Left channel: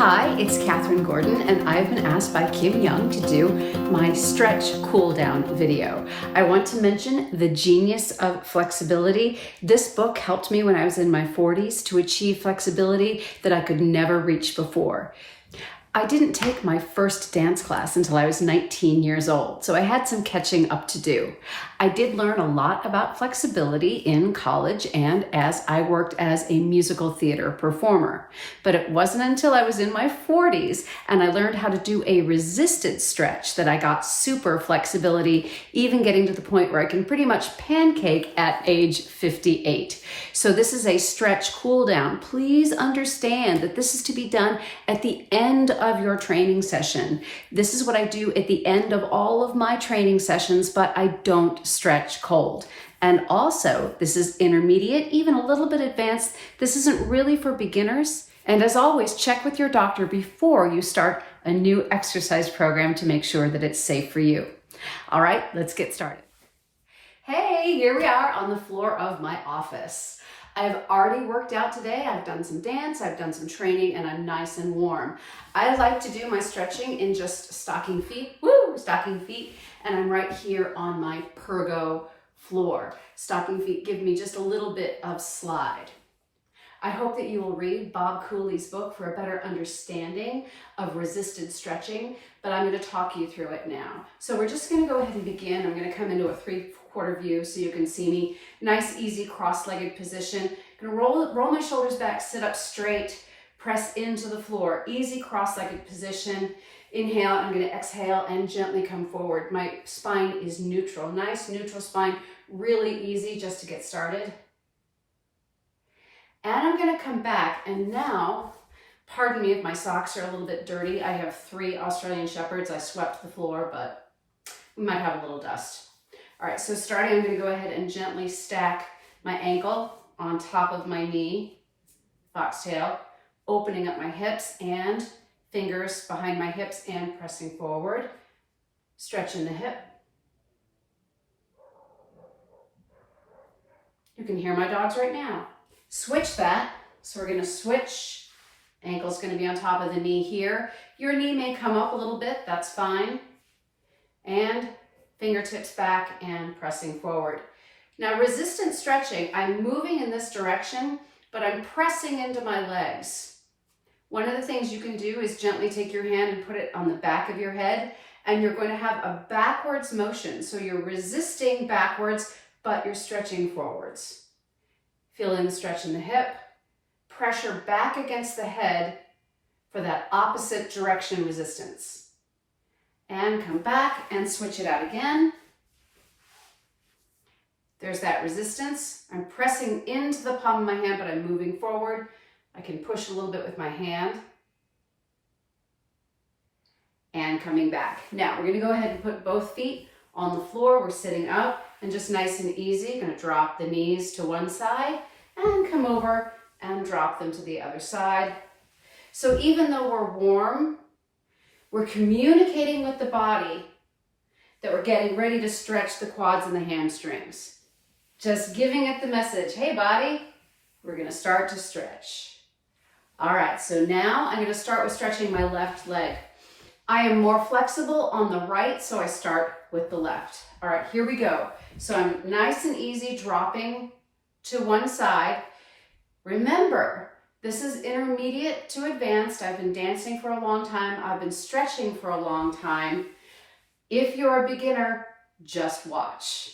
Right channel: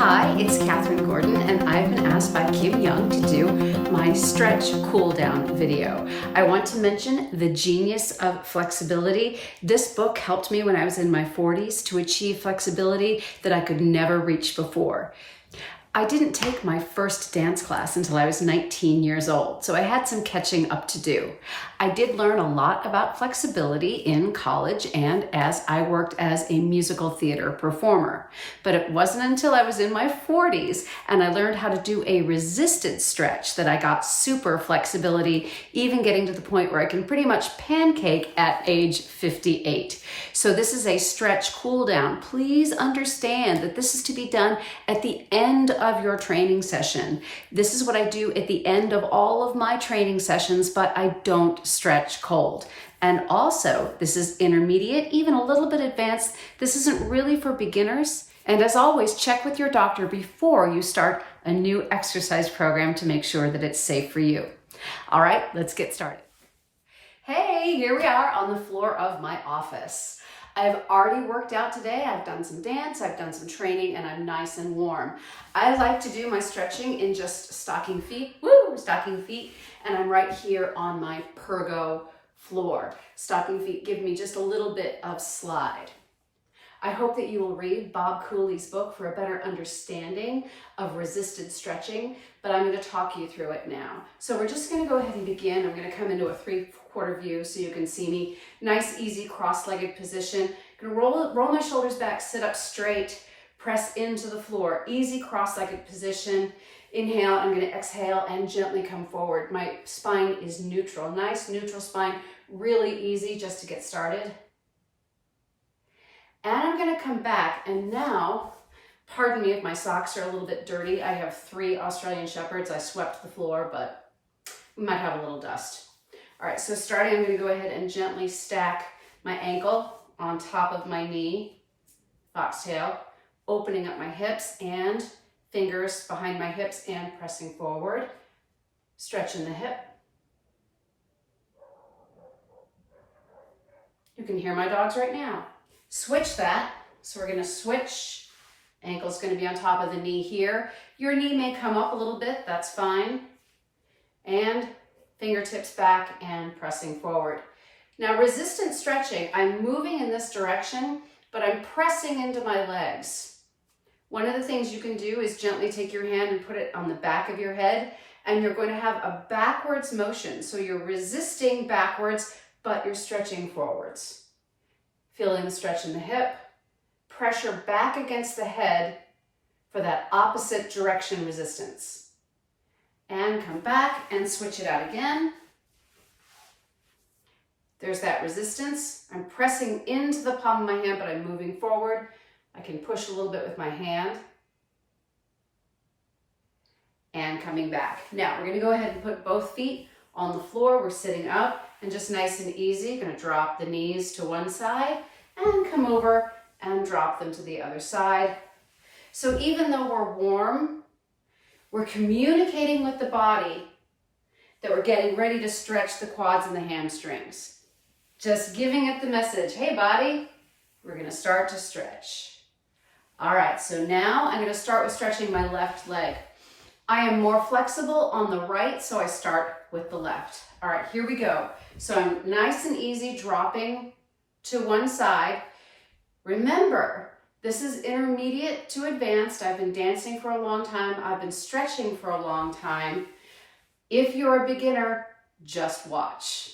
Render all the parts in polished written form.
Hi, it's Katherine Gordon, and I've been asked by Kim Young to do my stretch cool down video. I want to mention The Genius of Flexibility. This book helped me when I was in my 40s to achieve flexibility that I could never reach before. I didn't take my first dance class until I was 19 years old, so I had some catching up to do. I did learn a lot about flexibility in college and as I worked as a musical theater performer. But it wasn't until I was in my 40s and I learned how to do a resisted stretch that I got super flexibility, even getting to the point where I can pretty much pancake at age 58. So this is a stretch cool down. Please understand that this is to be done at the end of your training session. This is what I do at the end of all of my training sessions, but I don't stretch cold. And also, this is intermediate, even a little bit advanced. This isn't really for beginners. And as always, check with your doctor before you start a new exercise program to make sure that it's safe for you. All right, let's get started. Hey, here we are on the floor of my office. I've already worked out today. I've done some dance, I've done some training, and I'm nice and warm. I like to do my stretching in just stocking feet, and I'm right here on my Pergo floor. Stocking feet give me just a little bit of slide. I hope that you will read Bob Cooley's book for a better understanding of resisted stretching, but I'm going to talk you through it now. So we're just going to go ahead and begin. I'm going to come into a 3/4 view so you can see me. Nice, easy, cross-legged position. I'm going to roll my shoulders back, sit up straight, press into the floor. Easy, cross-legged position. Inhale, I'm going to exhale and gently come forward. My spine is neutral. Nice, neutral spine. Really easy just to get started. And I'm going to come back, and now, pardon me if my socks are a little bit dirty. I have 3 Australian Shepherds. I swept the floor, but we might have a little dust. All right, so starting, I'm going to go ahead and gently stack my ankle on top of my knee, foxtail, opening up my hips and fingers behind my hips and pressing forward, stretching the hip. You can hear my dogs right now. Switch that. So we're going to switch. Ankle's going to be on top of the knee here. Your knee may come up a little bit. That's fine. And fingertips back and pressing forward. Now, resistant stretching, I'm moving in this direction, but I'm pressing into my legs. One of the things you can do is gently take your hand and put it on the back of your head, and you're going to have a backwards motion. So you're resisting backwards, but you're stretching forwards. Feeling the stretch in the hip, pressure back against the head for that opposite direction resistance. And come back and switch it out again. There's that resistance. I'm pressing into the palm of my hand, but I'm moving forward. I can push a little bit with my hand. And coming back. Now we're going to go ahead and put both feet on the floor. We're sitting up and just nice and easy. Going to drop the knees to one side and come over and drop them to the other side. So even though we're warm, we're communicating with the body that we're getting ready to stretch the quads and the hamstrings. Just giving it the message, hey body, we're going to start to stretch. All right, so now I'm going to start with stretching my left leg. I am more flexible on the right, so I start with the left. All right, here we go. So I'm nice and easy dropping to one side. Remember, this is intermediate to advanced. I've been dancing for a long time. I've been stretching for a long time. If you're a beginner, just watch.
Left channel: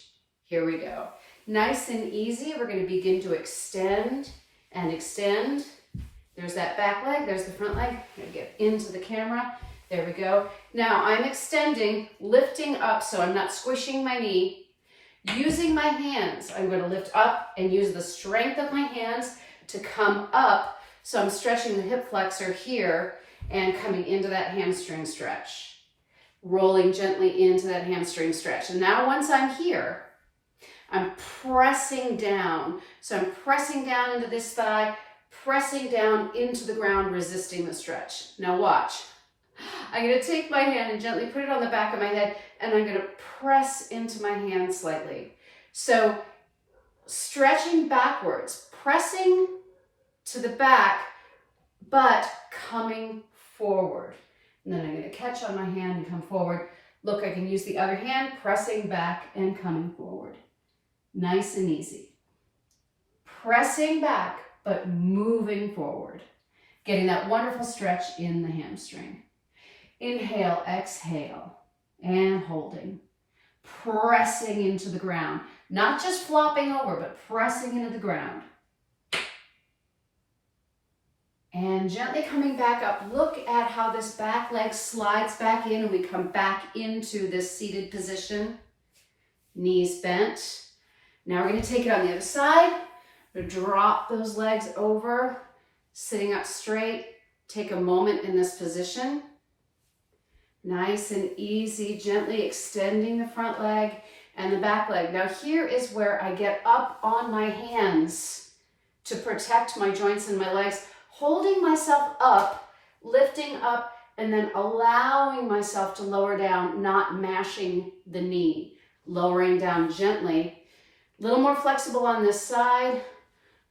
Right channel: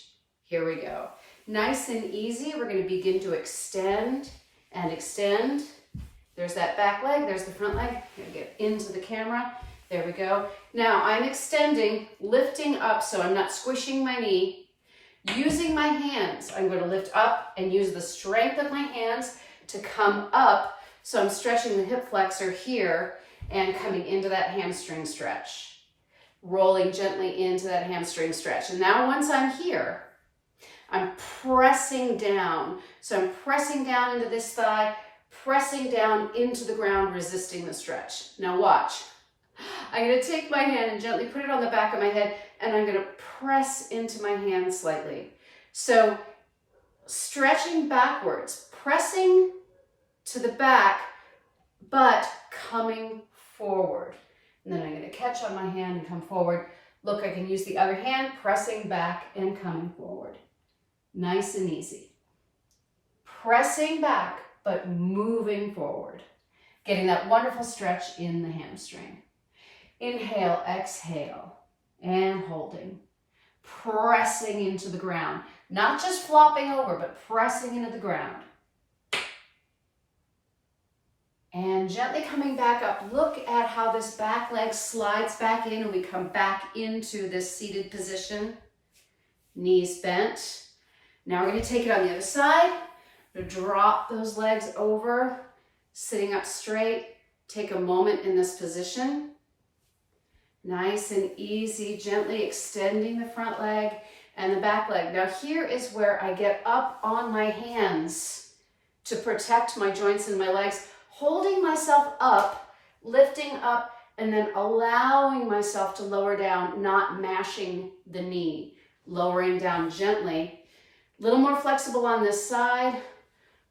Here we go. Nice and easy. We're going to begin to extend and extend. There's that back leg. There's the front leg. I'm going to get into the camera. There we go. Now I'm extending, lifting up so I'm not squishing my knee. Using my hands, I'm going to lift up and use the strength of my hands to come up. So I'm stretching the hip flexor here and coming into that hamstring stretch. Rolling gently into that hamstring stretch. And now once I'm here, I'm pressing down. So I'm pressing down into this thigh, pressing down into the ground, resisting the stretch. Now watch. I'm going to take my hand and gently put it on the back of my head, and I'm going to press into my hand slightly. So stretching backwards, pressing to the back, but coming forward. And then I'm going to catch on my hand and come forward. Look, I can use the other hand, pressing back and coming forward. Nice and easy. Pressing back, but moving forward. Getting that wonderful stretch in the hamstring. Inhale, exhale, and holding. Pressing into the ground. Not just flopping over, but pressing into the ground. And gently coming back up. Look at how this back leg slides back in and we come back into this seated position. Knees bent. Now we're going to take it on the other side. We're going to drop those legs over, sitting up straight. Take a moment in this position. Nice and easy, gently extending the front leg and the back leg. Now here is where I get up on my hands to protect my joints and my legs, holding myself up, lifting up, and then allowing myself to lower down, not mashing the knee, lowering down gently. A little more flexible on this side,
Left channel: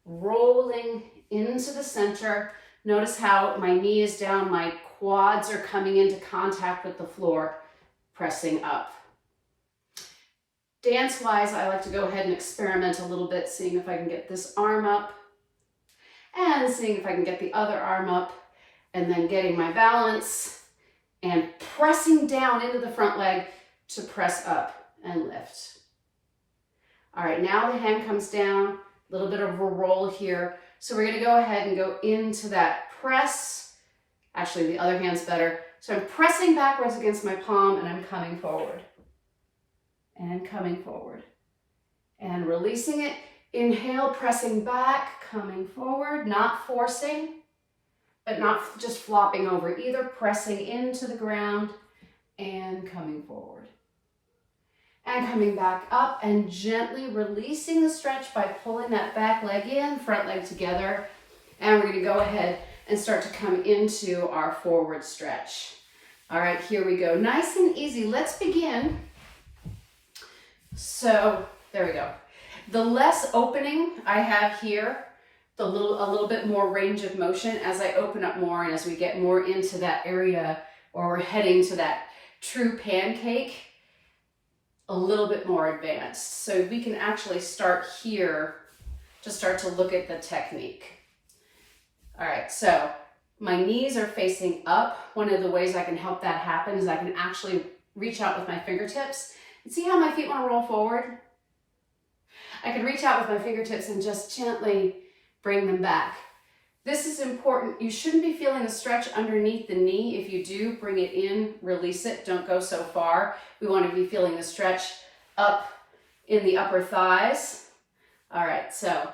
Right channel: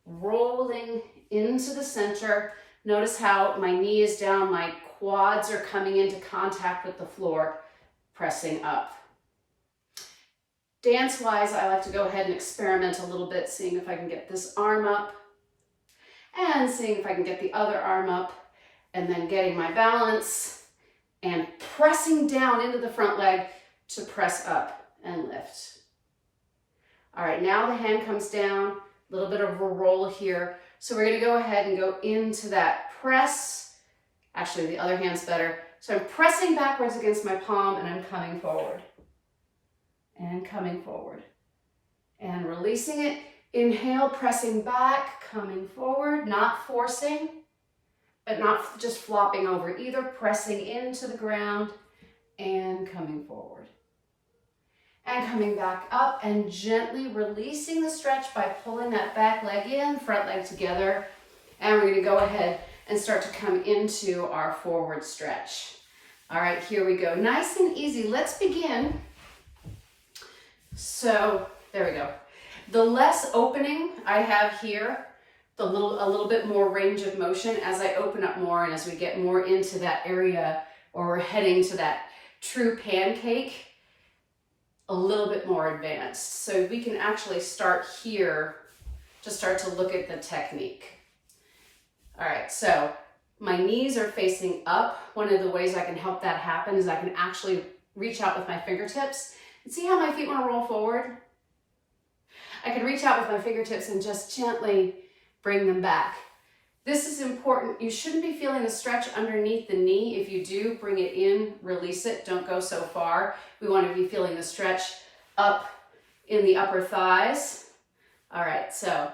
rolling into the center. Notice how my knee is down, my quads are coming into contact with the floor, pressing up. Dance-wise, I like to go ahead and experiment a little bit, seeing if I can get this arm up and seeing if I can get the other arm up, and then getting my balance and pressing down into the front leg to press up and lift. All right, now the hand comes down, a little bit of a roll here. So we're gonna go ahead and go into that press. Actually, the other hand's better. So I'm pressing backwards against my palm and I'm coming forward. And coming forward. And releasing it. Inhale, pressing back, coming forward, not forcing, but not just flopping over either. Pressing into the ground and coming forward. And coming back up and gently releasing the stretch by pulling that back leg in, front leg together. And we're going to go ahead and start to come into our forward stretch. All right, here we go. Nice and easy. Let's begin. So there we go. The less opening I have here, a little bit more range of motion as I open up more and as we get more into that area, or we're heading to that true pancake, a little bit more advanced. So we can actually start here to start to look at the technique. All right, so my knees are facing up. One of the ways I can help that happen is I can actually reach out with my fingertips and see how my feet want to roll forward. I can reach out with my fingertips and just gently bring them back. This is important. You shouldn't be feeling the stretch underneath the knee. If you do, bring it in, release it. Don't go so far. We want to be feeling the stretch up in the upper thighs. All right, so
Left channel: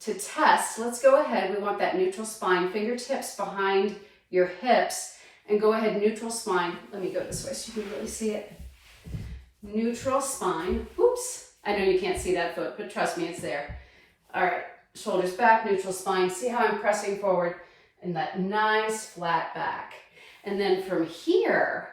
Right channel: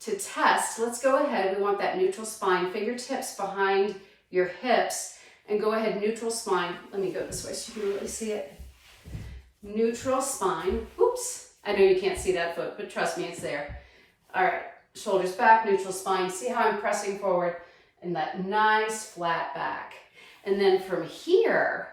to test, let's go ahead. We want that neutral spine, fingertips behind your hips, and go ahead, neutral spine. Let me go this way so you can really see it. Neutral spine. Oops, I know you can't see that foot, but trust me, it's there. All right, shoulders back, neutral spine. See how I'm pressing forward and that nice flat back. And then from here,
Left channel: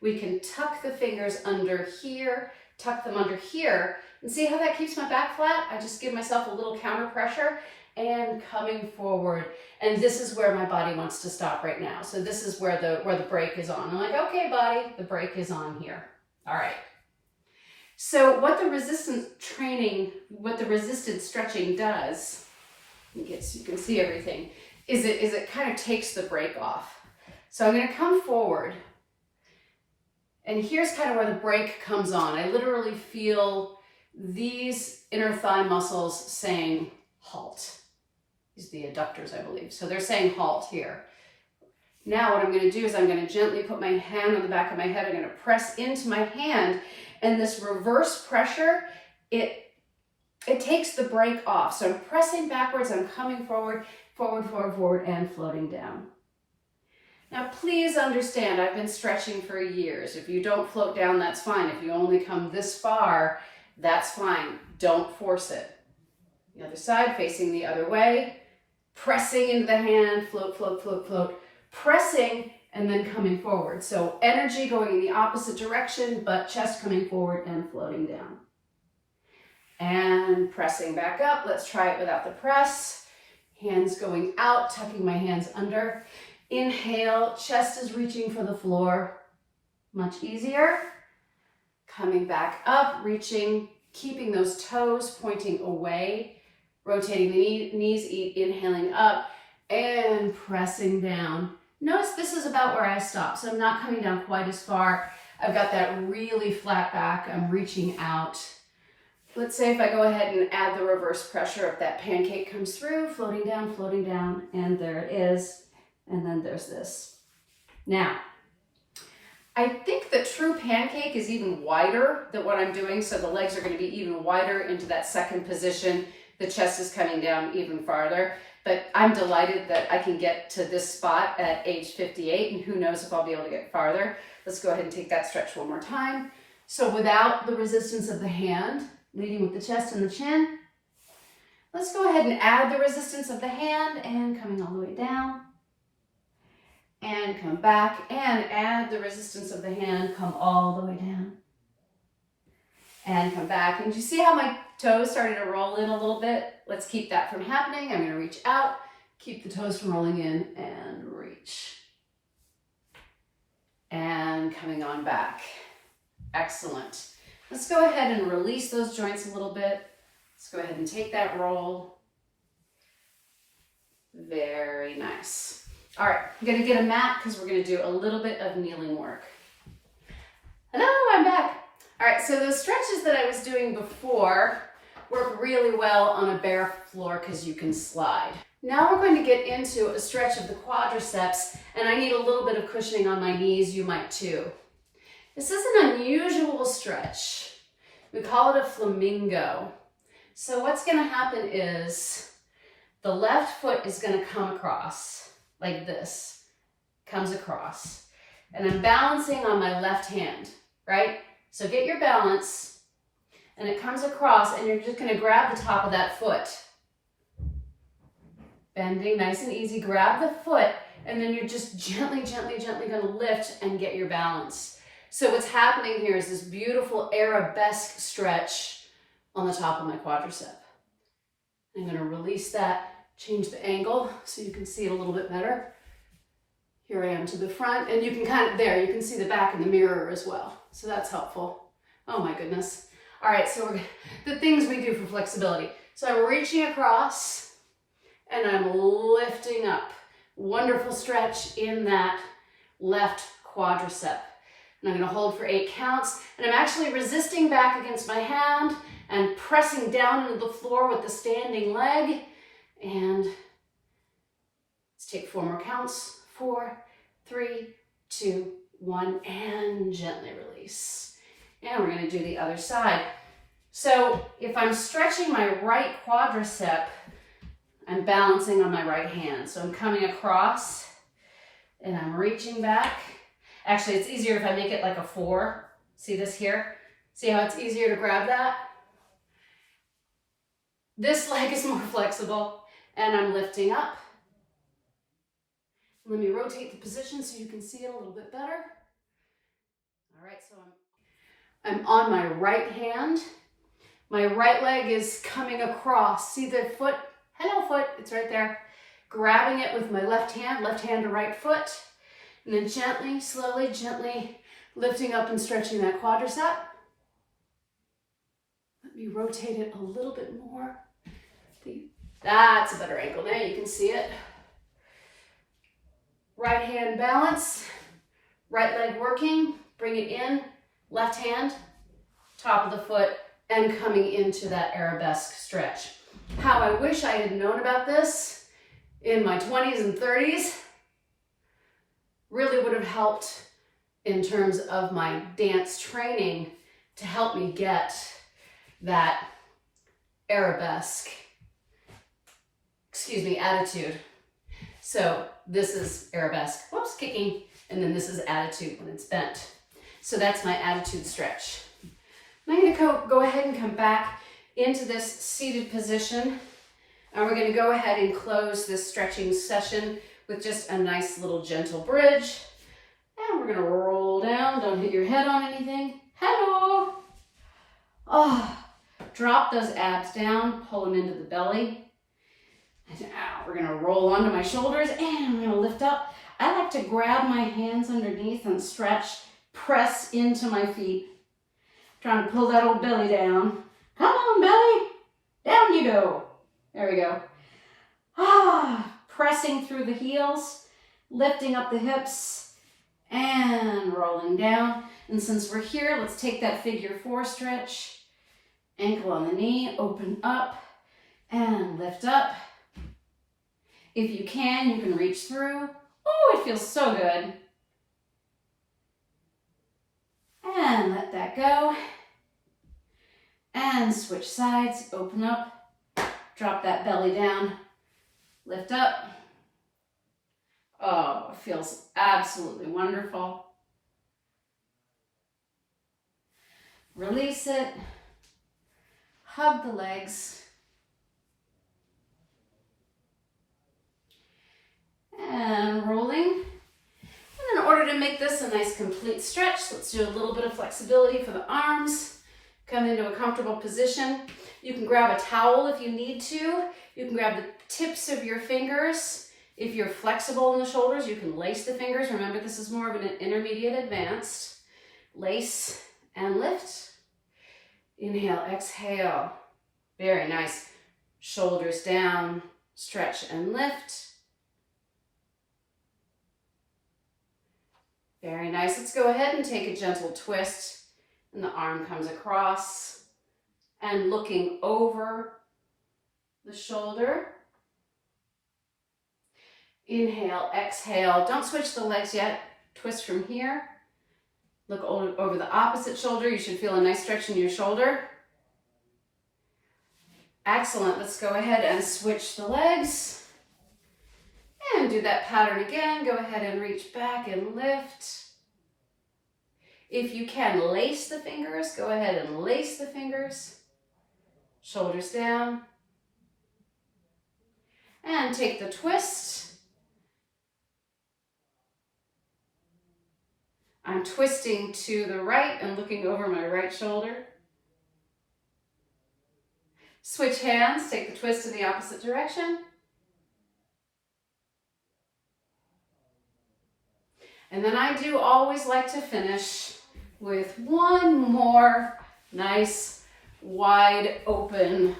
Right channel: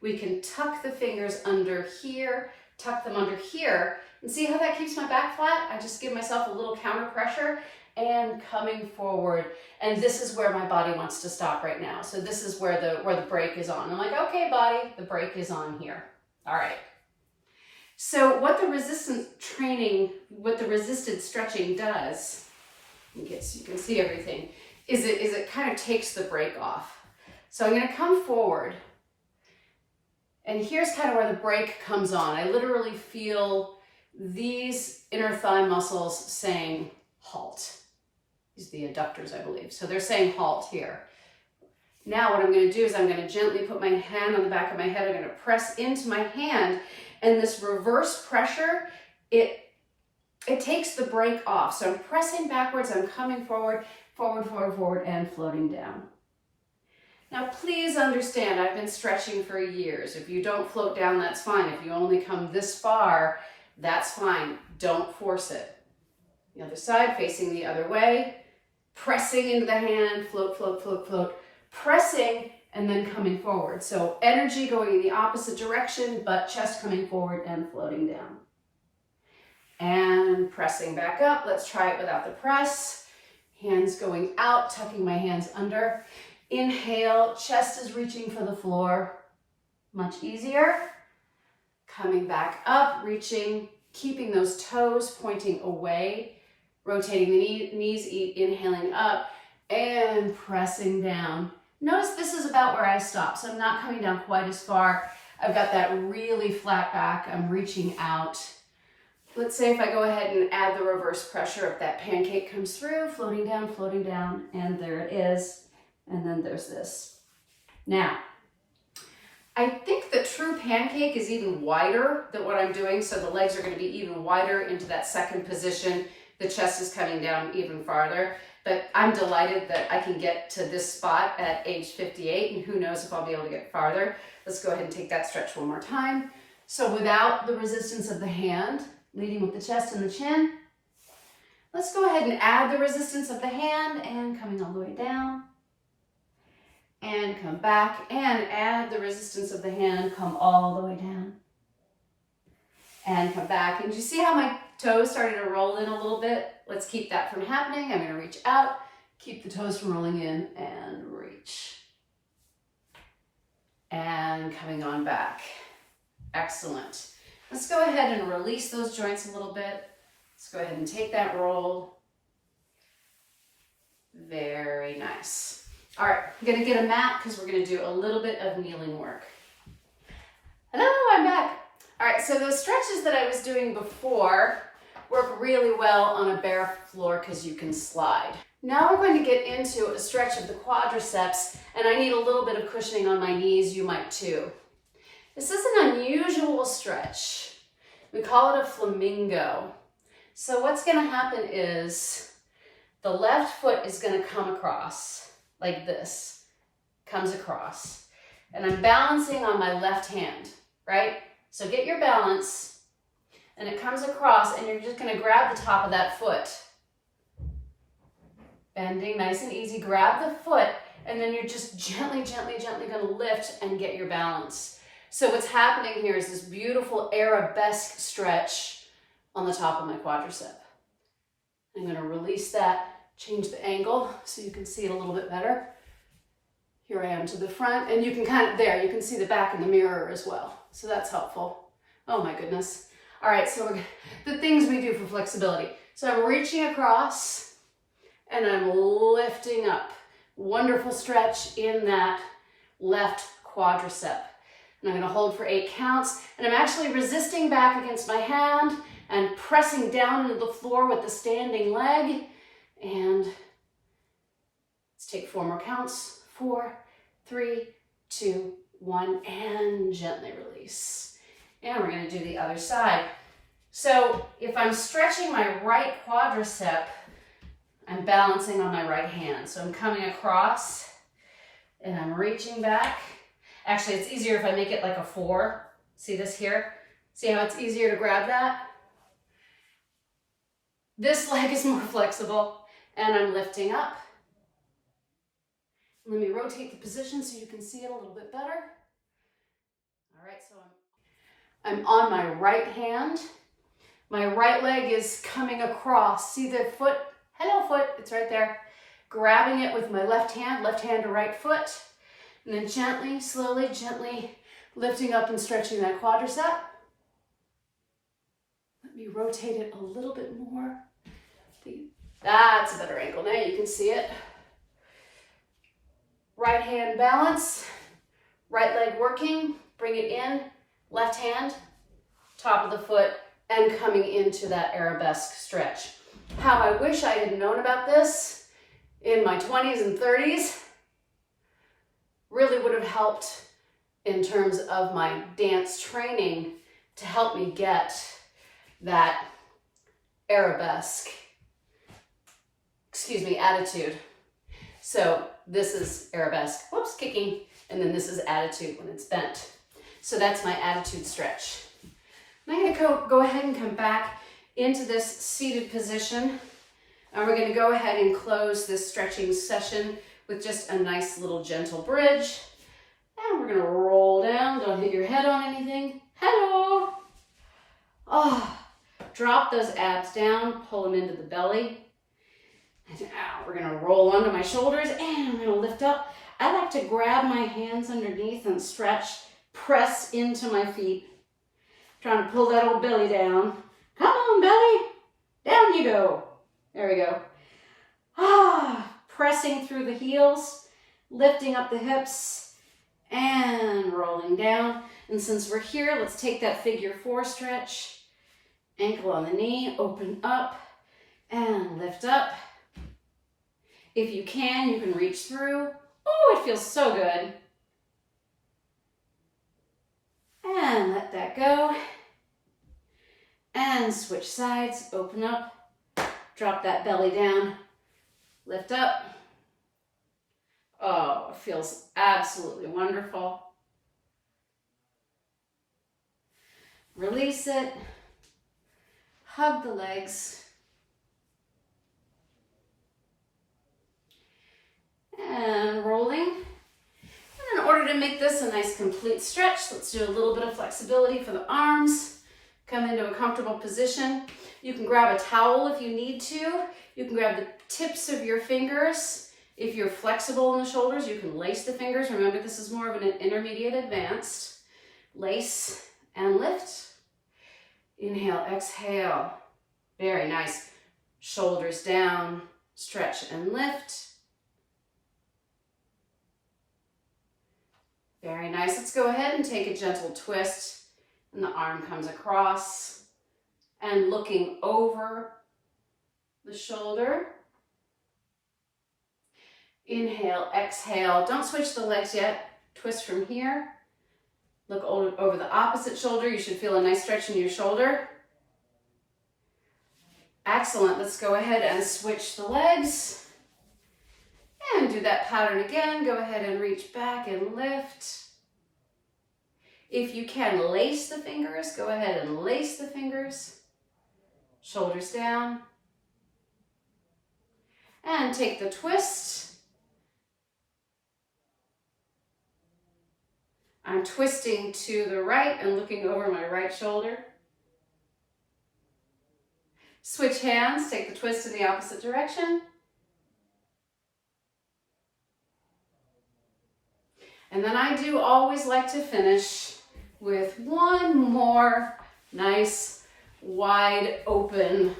we can tuck the fingers under here, tuck them under here, and see how that keeps my back flat? I just give myself a little counter pressure and coming forward. And this is where my body wants to stop right now. So this is where the brake is on. I'm like, okay, body, the brake is on here. All right. So what the resisted stretching does, you can see everything, is it kind of takes the brake off. So I'm going to come forward. And here's kind of where the brake comes on. I literally feel these inner thigh muscles saying halt. These are the adductors, I believe. So they're saying halt here. Now what I'm going to do is I'm going to gently put my hand on the back of my head. I'm going to press into my hand, and this reverse pressure, it takes the brake off. So I'm pressing backwards, I'm coming forward, forward, forward, forward, and floating down. Now please understand, I've been stretching for years. If you don't float down, that's fine. If you only come this far, that's fine. Don't force it. The other side, facing the other way, pressing into the hand, float, float, float, float, pressing, and then coming forward. So energy going in the opposite direction, but chest coming forward and floating down. And pressing back up. Let's try it without the press. Hands going out, tucking my hands under. Inhale, chest is reaching for the floor. Much easier. Coming back up, reaching, keeping those toes pointing away, rotating the knees, inhaling up, and pressing down. Notice this is about where I stop, so I'm not coming down quite as far. I've got that really flat back. I'm reaching out. Let's say if I go ahead and add the reverse pressure, if that pancake comes through, floating down, and there it is. And then there's this. Now, I think the true pancake is even wider than what I'm doing, so the legs are going to be even wider into that second position. The chest is coming down even farther, but I'm delighted that I can get to this spot at age 58, and who knows if I'll be able to get farther. Let's go ahead and take that stretch one more time. So without the resistance of the hand, leading with the chest and the chin, let's go ahead and add the resistance of the hand and coming all the way down. And come back and add the resistance of the hand, come all the way down. And come back. And you see how my toes started to roll in a little bit? Let's keep that from happening. I'm going to reach out, keep the toes from rolling in, and reach. And coming on back. Excellent. Let's go ahead and release those joints a little bit. Let's go ahead and take that roll. Very nice. All right, I'm gonna get a mat because we're gonna do a little bit of kneeling work. Hello, I'm back. All right, so those stretches that I was doing before work really well on a bare floor because you can slide. Now we're going to get into a stretch of the quadriceps, and I need a little bit of cushioning on my knees. You might too. This is an unusual stretch. We call it a flamingo. So what's gonna happen is the left foot is gonna come across like this, comes across. And I'm balancing on my left hand, right? So get your balance, and it comes across, and you're just gonna grab the top of that foot. Bending nice and easy, grab the foot, and then you're just gently gonna lift and get your balance. So what's happening here is this beautiful arabesque stretch on the top of my quadricep. I'm gonna release that, change the angle so you can see it a little bit better. Here I am to the front, and you can you can see the back in the mirror as well. So that's helpful. Oh my goodness. All right, so the things we do for flexibility. So I'm reaching across and I'm lifting up. Wonderful stretch in that left quadricep. And I'm gonna hold for 8 counts, and I'm actually resisting back against my hand and pressing down into the floor with the standing leg. And let's take 4 more counts. 4, 3, 2, 1, and gently release. And we're gonna do the other side. So if I'm stretching my right quadricep, I'm balancing on my right hand. So I'm coming across and I'm reaching back. Actually, it's easier if I make it like a 4. See this here? See how it's easier to grab that? This leg is more flexible. And I'm lifting up. Let me rotate the position so you can see it a little bit better. All right, so I'm on my right hand. My right leg is coming across. See the foot? Hello, foot. It's right there. Grabbing it with my left hand to right foot. And then gently, slowly, gently lifting up and stretching that quadricep. Let me rotate it a little bit more. That's a better angle. Now you can see it. Right hand balance, right leg working, bring it in, left hand, top of the foot, and coming into that arabesque stretch. How I wish I had known about this in my 20s and 30s. Really would have helped in terms of my dance training to help me get that arabesque attitude. So this is arabesque, whoops, kicking, and then this is attitude when it's bent. So that's my attitude stretch. I'm going to go ahead and come back into this seated position. And we're going to go ahead and close this stretching session with just a nice little gentle bridge. And we're going to roll down. Don't hit your head on anything. Hello. Oh, drop those abs down, pull them into the belly. And now we're gonna roll onto my shoulders and I'm gonna lift up. I like to grab my hands underneath and stretch, press into my feet. Trying to pull that old belly down. Come on, belly. Down you go. There we go. Pressing through the heels, lifting up the hips, and rolling down. And since we're here, let's take that figure 4 stretch. Ankle on the knee, open up, and lift up. If you can reach through. Oh, it feels so good. And let that go. And switch sides, open up, drop that belly down, lift up. Oh, it feels absolutely wonderful. Release it, hug the legs, and rolling. And in order to make this a nice complete stretch, let's do a little bit of flexibility for the arms. Come into a comfortable position. You can grab a towel if you need to. You can grab the tips of your fingers. If you're flexible in the shoulders, you can lace the fingers. Remember, this is more of an intermediate advanced. Lace and lift. Inhale, exhale. Very nice. Shoulders down, stretch and lift. Very nice. Let's go ahead and take a gentle twist. And the arm comes across and looking over the shoulder. Inhale, exhale. Don't switch the legs yet. Twist from here. Look over the opposite shoulder. You should feel a nice stretch in your shoulder. Excellent. Let's go ahead and switch the legs. And do that pattern again. Go ahead and reach back and lift. If you can lace the fingers, go ahead and lace the fingers. Shoulders down. And take the twist. I'm twisting to the right and looking over my right shoulder. Switch hands, take the twist in the opposite direction. And then I do always like to finish with one more nice wide open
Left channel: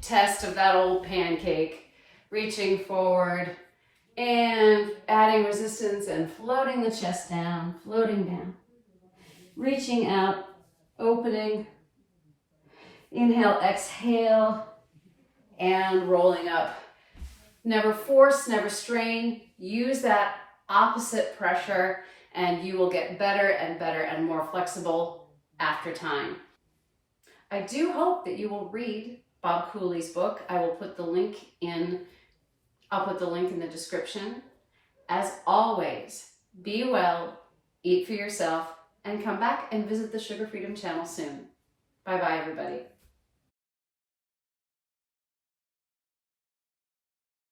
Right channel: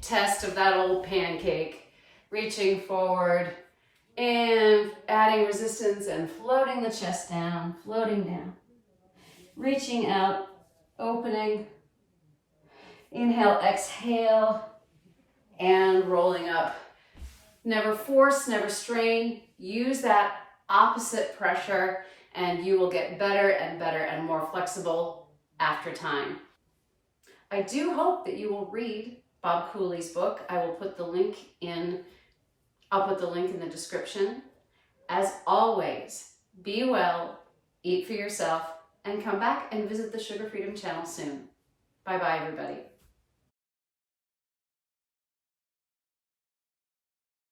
test of that old pancake. Reaching forward and adding resistance and floating the chest down, floating down. Reaching out, opening. Inhale, exhale, and rolling up. Never force, never strain. Use that opposite pressure and you will get better and more flexible after time. I do hope that you will read Bob Cooley's book. I will put the link in, I'll put the link in the description. As always, be well, eat for yourself, and come back and visit the Sugar Freedom channel soon. Bye-bye, everybody.